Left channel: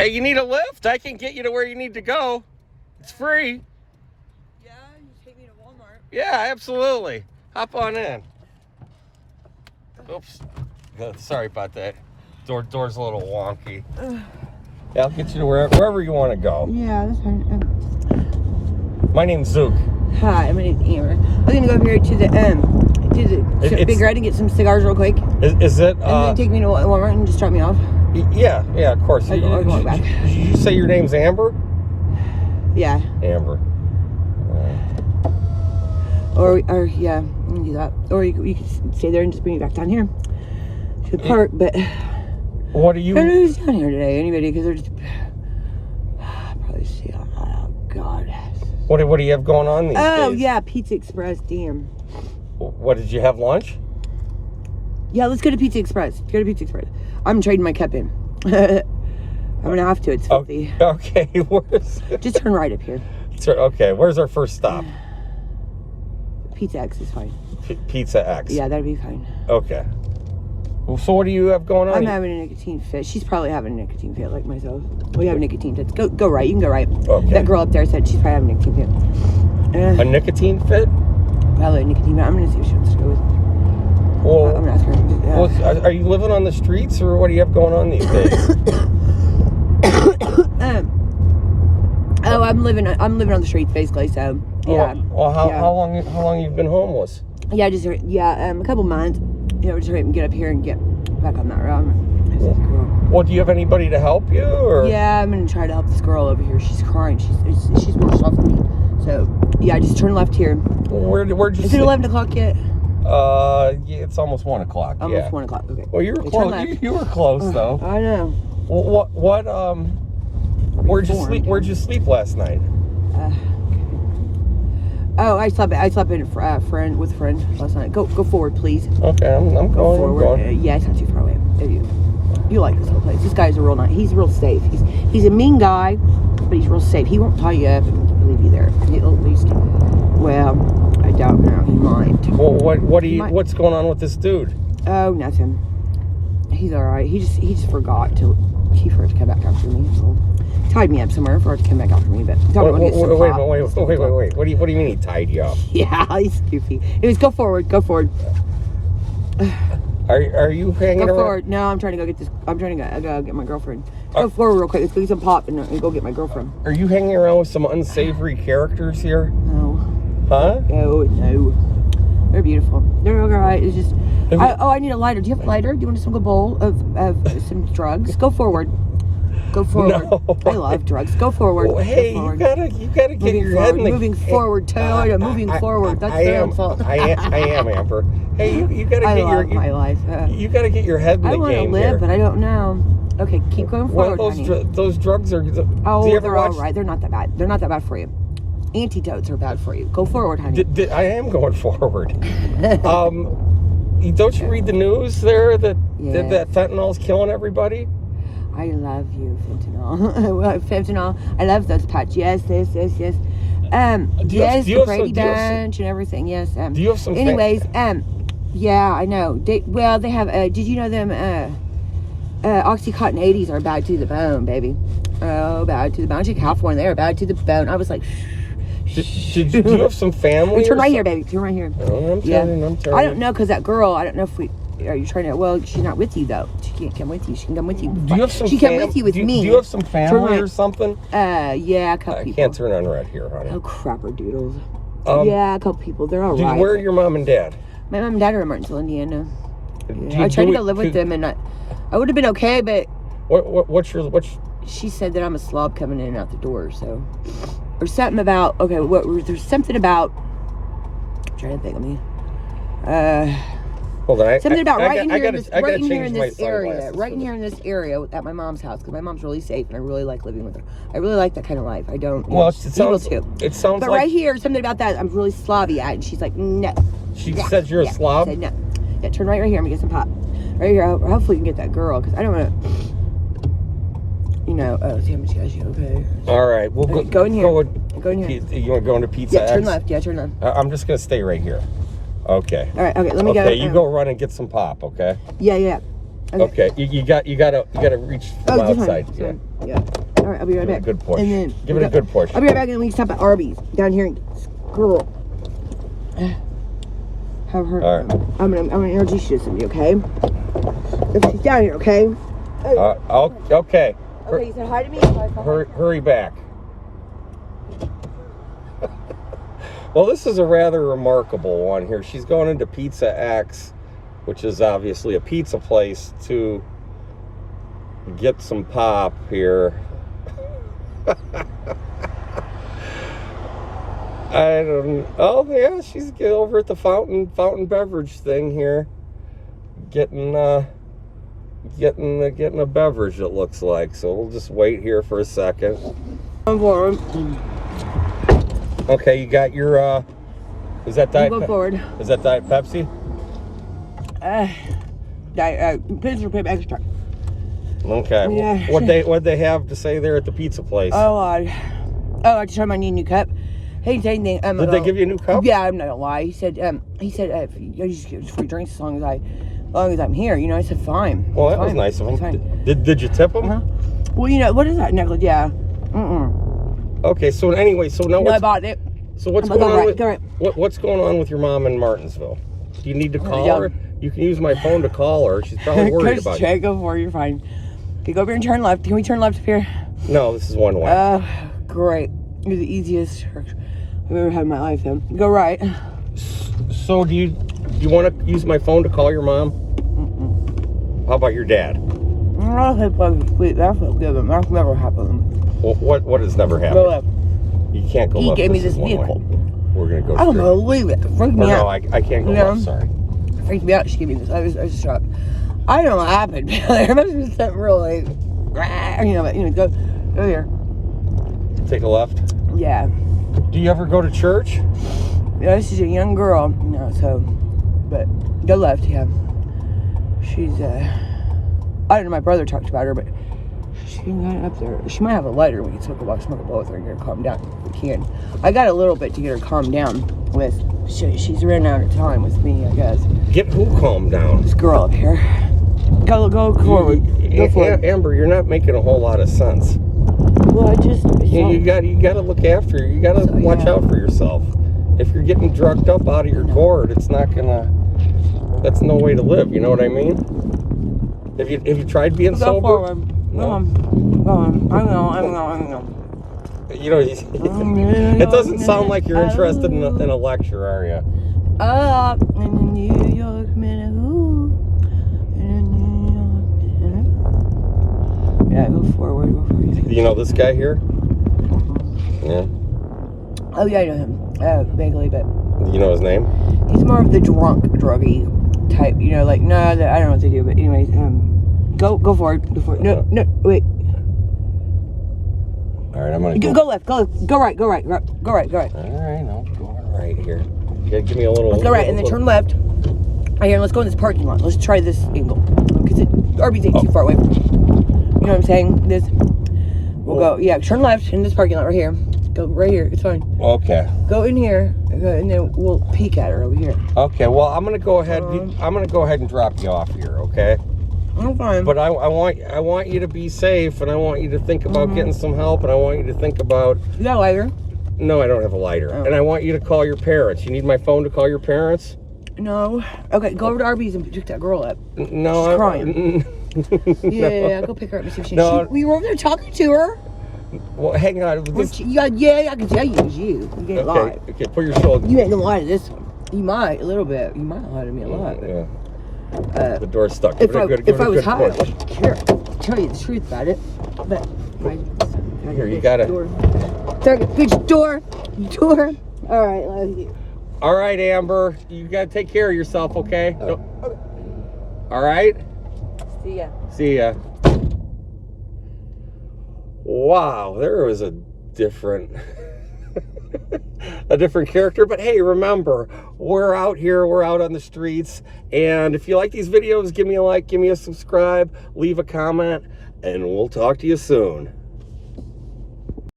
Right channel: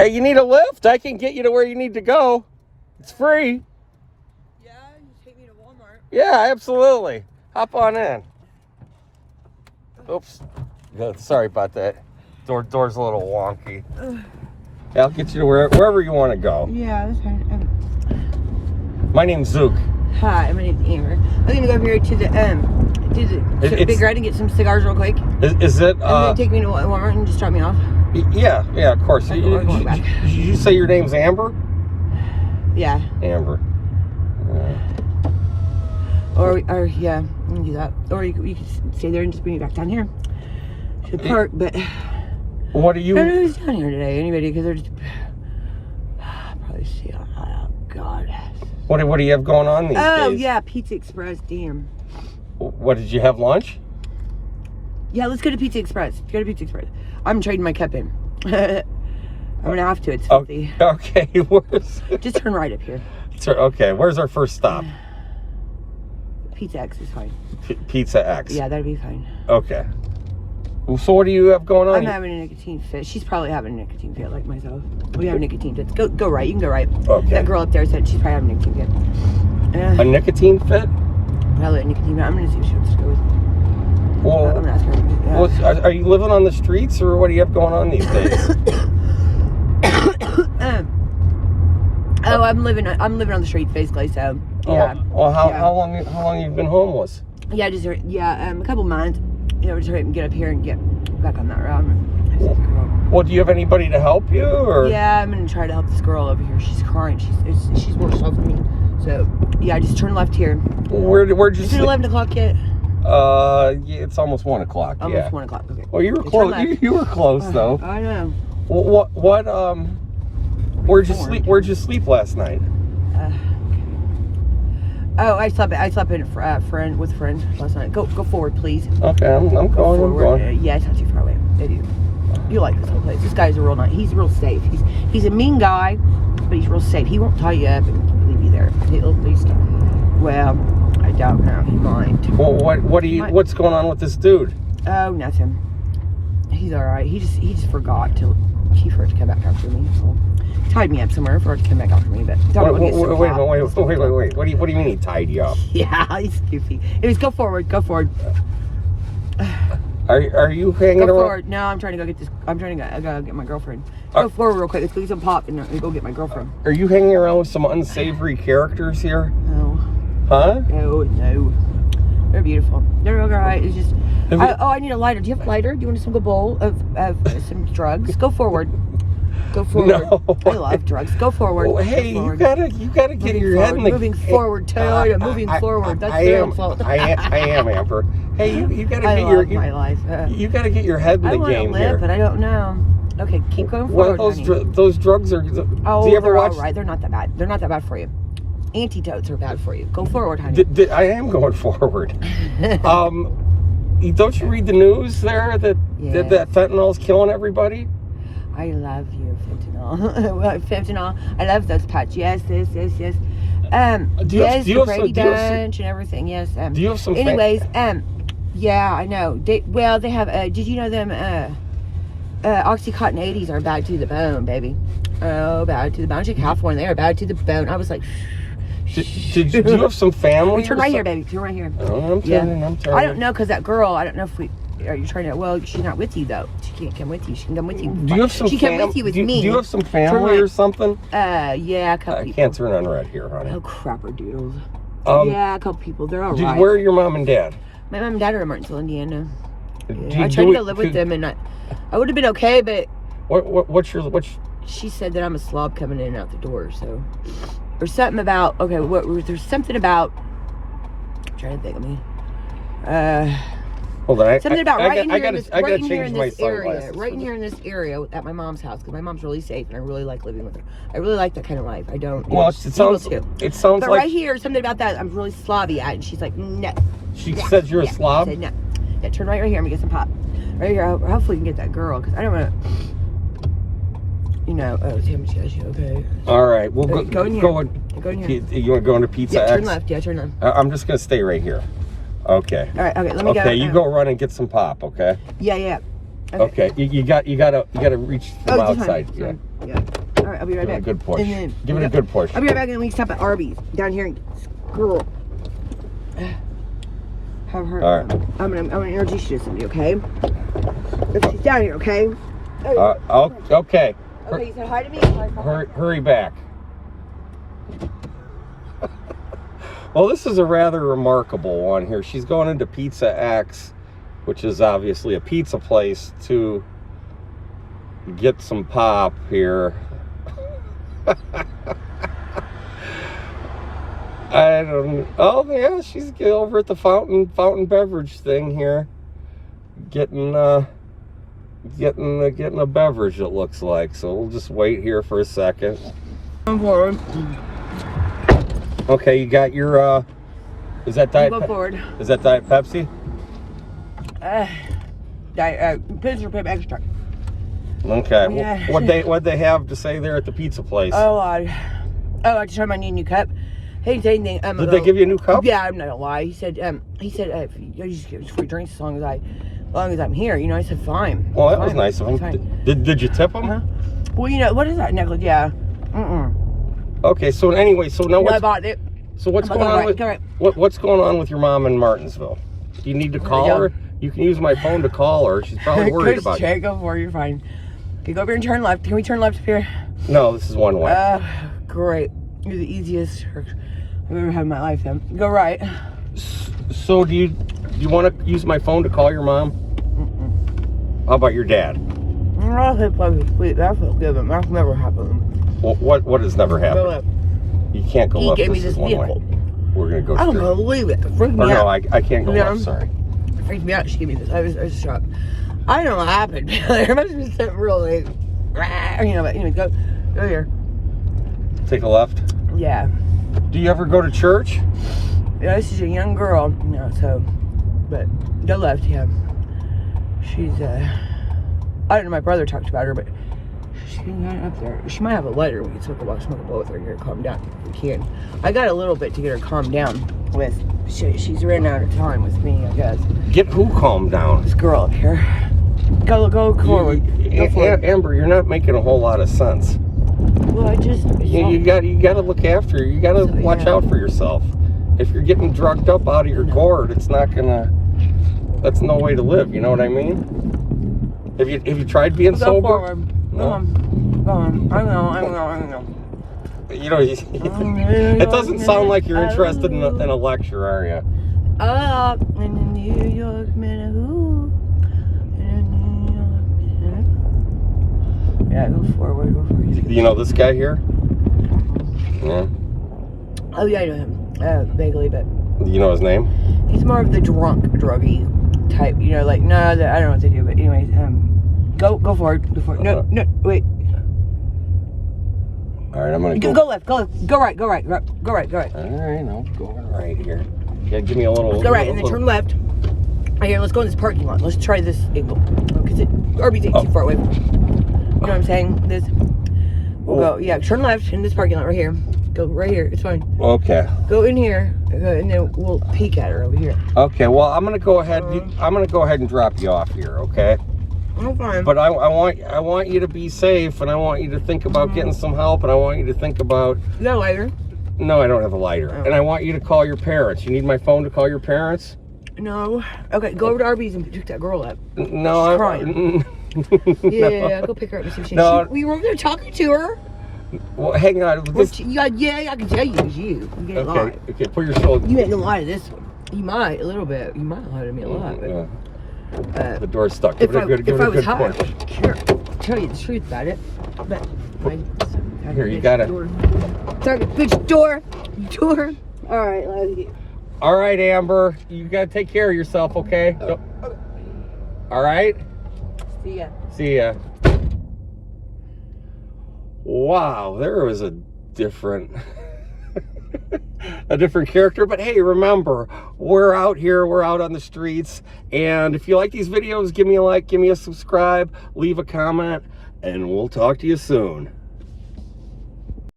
Hey, you need a lift? I can get you to where you need to go. It's free. Yeah, you take me to Walmart. Yeah, absolutely. Hop on in. Oops. Sorry about that. Door's a little wonky. Yeah, I'll get you to wherever you want to go. Yeah, that's fine. My name's Zook. Hi, my name's Amber. I'm gonna go over here to the Big Red and get some cigars real quick. Is it? And then take me to Walmart and just drop me off. Yeah, of course. You say your name's Amber? Yeah. Amber. Or yeah, I'm gonna do that. Or you can stay there and just bring me back down here to the park. But what are you? Who's down here today? Anybody? Because they're just probably see. Oh God. What do you have going on these days? Oh yeah, Pizza Express. Damn. What did you have lunch? Yeah, let's go to Pizza Express. Go to Pizza Express. I'm trading my cup in. I'm gonna have to. It's filthy. Okay, just turn right up here. Okay, where's our first stop? Pizza X is fine. Pizza X. Yeah, that'd be fine. Okay. So what do you have going on? I'm having a nicotine fit. She's probably having a nicotine fit like myself. We have a nicotine fit. Go right. You can go right. Okay. That girl up there said she's probably having a nicotine fit. A nicotine fit? Probably a nicotine fit. I'm gonna see if she'll go with me. Well, I'm gonna ask her. Are you living on the streets, or what do you have going on these days? I'm living on the streets basically. So yeah. Well, how long you've been homeless? Yeah, a couple months. Yeah, we're just ready to get up here and get back on that road. Well, do you have anybody to help you, or? Yeah, I'm gonna try to help this girl over here. She's crying. She's worse off than me. So yeah, just turn left here. Where'd you? Is it 11 o'clock yet? Yeah, it's almost 1 o'clock. Almost 1 o'clock. Okay. Well, you were close. You were close though. I know. Where'd you sleep last night? I slept in a friend last night. Go forward, please. Okay, I'm going. Yeah, it's not too far away. You like this whole place. This guy's he's real safe. He's a mean guy, but he's real safe. He won't tie you up and leave you there. He'll at least. Well, I doubt now. He might. Well, what's going on with this dude? Oh, nothing. He's all right. He just forgot to come back after me. So tied me up somewhere for it to come back after me. But wait. What do you mean he tied you up? Yeah, he's goofy. It was go forward. Are you hanging around? Go forward. No, I'm trying to go get this. I gotta get my girlfriend. Go forward real quick. Let's go get some pop and go get my girlfriend. Are you hanging around with some unsavory characters here? No. Huh? No. They're beautiful. They're all right. It's just. I need a lighter. Do you have a lighter? Do you want a single bowl of some drugs? Go forward. Go forward. No. I love drugs. Go forward. Oh, hey, go forward. you gotta get your head in the moving forward. Tell you moving forward. That's their own fault. I am Amber. Hey, you gotta get my life. You gotta get your head in the game here. I want to live, but I don't know. Okay, keep going forward. Well, those drugs are. Do you ever watch? All right. They're not that bad. They're not that bad for you. Antidotes are bad for you. Go forward, honey. I am going forward. Don't you read the news there that fentanyl's killing everybody? I love you, fentanyl. Fentanyl. I love those patches. Yes. Yes, the Brady Bunch and everything. Yes. Do you have some? Anyways, yeah, I know. They have. Did you know them? Oxycontin 80s are bad to the bone, baby. Oh, bad to the bone. Check California. They are bad to the bone. I was like. Did you have some family? Turn right here, baby. Turn right here. Oh, I'm turning. I don't know, because that girl, I don't know if are you trying to, well, she's not with you, though. She can't come with you. She can come with you. Do you have some She came with you with me. Do you have some family or something? Yeah, a couple people. I can't turn on red here, honey. Oh, crapper doodles. Yeah, a couple people. They're all right. Where are your mom and dad? My mom and dad are in Martinsville, Indiana. Yeah. I tried to go live with them, and I would have been okay, but... What's She said that I'm a slob coming in and out the door, so... Or something about, there's something about, I'm trying to think of me. Hold on. Something about right in here in this area at my mom's house, because my mom's really safe and I really like living with her. I really like that kind of life. I don't. Well, it sounds but like. Right here, something about that I'm really slobby at, and she's like, no. She says you're a slob? She said no. Yeah, turn right here. I'm gonna get some pop. Right here. Hopefully we can get that girl, because I don't want to. See how much gas you okay. All right, we'll go in here. Go in here. You want to go into Pizza X? Turn left. Yeah, turn left. I'm just gonna stay right here. Okay. All right. Okay. Let me go. Okay, you go run and get some pop. Okay. Yeah. Okay, you gotta reach from outside. Yeah. Yeah. All right, I'll be right back. A good push. And then Give it a good push. I'll be right back, and we stop at Arby's down here. Girl, have her. All right. I'm gonna introduce you to somebody, okay? If she's down here, okay? Okay. Okay, you say hi to me. Hurry back. Well, this is a rather remarkable one here. She's going into Pizza X, which is obviously a pizza place, to get some pop here. I don't. Oh yeah, she's over at the fountain beverage thing here, getting a beverage. It looks like. So we'll just wait here for a second. Come forward. Okay, you got your. Is that Diet? Go forward. Is that Diet Pepsi? Pizza Pep Extra. Okay. Yeah. What'd they have to say there at the pizza place? Oh, I just told him I need a new cup. He didn't say anything. Did they give you a new cup? Yeah, I'm not gonna lie. He said, I just get free drinks as long as I'm here. You know, I said fine. Well, that was nice of him. Did you tip him? Uh-huh. Well, you know, what is that necklace? Yeah. Okay, so anyway, so now I bought it. So what's going on with what's going on with your mom in Martinsville? Do you need to call her? You can use my phone to call her. She's probably worried about you. Check over. You're fine. Okay, go over and turn left. Can we turn left up here? No, this is one way. Great. It's the easiest I've ever had in my life. Then go right. So do you want to use my phone to call your mom? How about your dad? Wait, that's not good. That's never happened. Well, what has never happened? Go left. You can't go left. He gave me this vehicle. We're gonna go I don't straight. believe it. Freaked me out. No, I can't go left. Sorry. Freaked me out. She gave me this. I was shocked. I don't know what happened. There must be something real like, go here. Take a left. Yeah. Do you ever go to church? Yeah, this is a young girl, but go left. Yeah. She's I don't know. My brother talked about her, but she's not up there. She might have a lighter. We can smoke a bowl with her and get her calmed down. If we can. I got a little bit to get her calmed down with. She's running out of time with me, I guess. Get who calmed down? This girl up here. Go forward. Go forward. Amber, you're not making a whole lot of sense. Well, you got to look after her. You got to watch out for yourself. If you're getting drugged up out of your gourd, it's not gonna. That's no way to live. You know what I mean? Have you tried being sober? Forward. No. I know. You know, it doesn't sound like you're interested in a lecture, are you? Up in the New York minute. Yeah, go forward. You know this guy here? Yeah. Oh yeah, I know him. Vaguely, but. You know his name? He's more of the druggy type. You know, like I don't know what to do, but anyways, go forward. Go forward. No, wait. All right, I'm gonna go left. Go right. Go right. All right, I'm going right here. Yeah, give me a little. Let's go right and then turn left. Okay, let's go in this parking lot. Let's try this angle because RB's ain't too far away. You know what I'm saying? We'll go. Yeah, turn left in this parking lot right here. Go right here. It's fine. Okay. Go in here, and then we'll peek at her over here. Okay. Well, I'm gonna go ahead. I'm gonna go ahead and drop you off here. Okay. I'm fine. But I want you to be safe, and I want you to think about getting some help, and I want you to think about. You got a lighter? No, I don't have a lighter. Oh. And I want you to call your parents. You need my phone to call your parents? No. Okay, go over to Arby's and pick that girl up. No, she's crying. Yeah, go pick her up and see if she. No. We were over there talking to her. Well, hang on. Yeah, I can tell you it was you. You didn't lie. Okay, put your shoulder. You ain't gonna lie to this one. You might, a little bit. You might lie to me a lot. But, yeah. The door's stuck. Give it a good push. Here, tell you the truth about it. But here, you got it. Door. All right. All right, Amber. You gotta take care of yourself, okay? All right. See ya. Wow, there was a different character, but hey, remember, we're out here, we're out on the streets, and if you like these videos, give me a like, give me a subscribe, leave a comment, and we'll talk to you soon.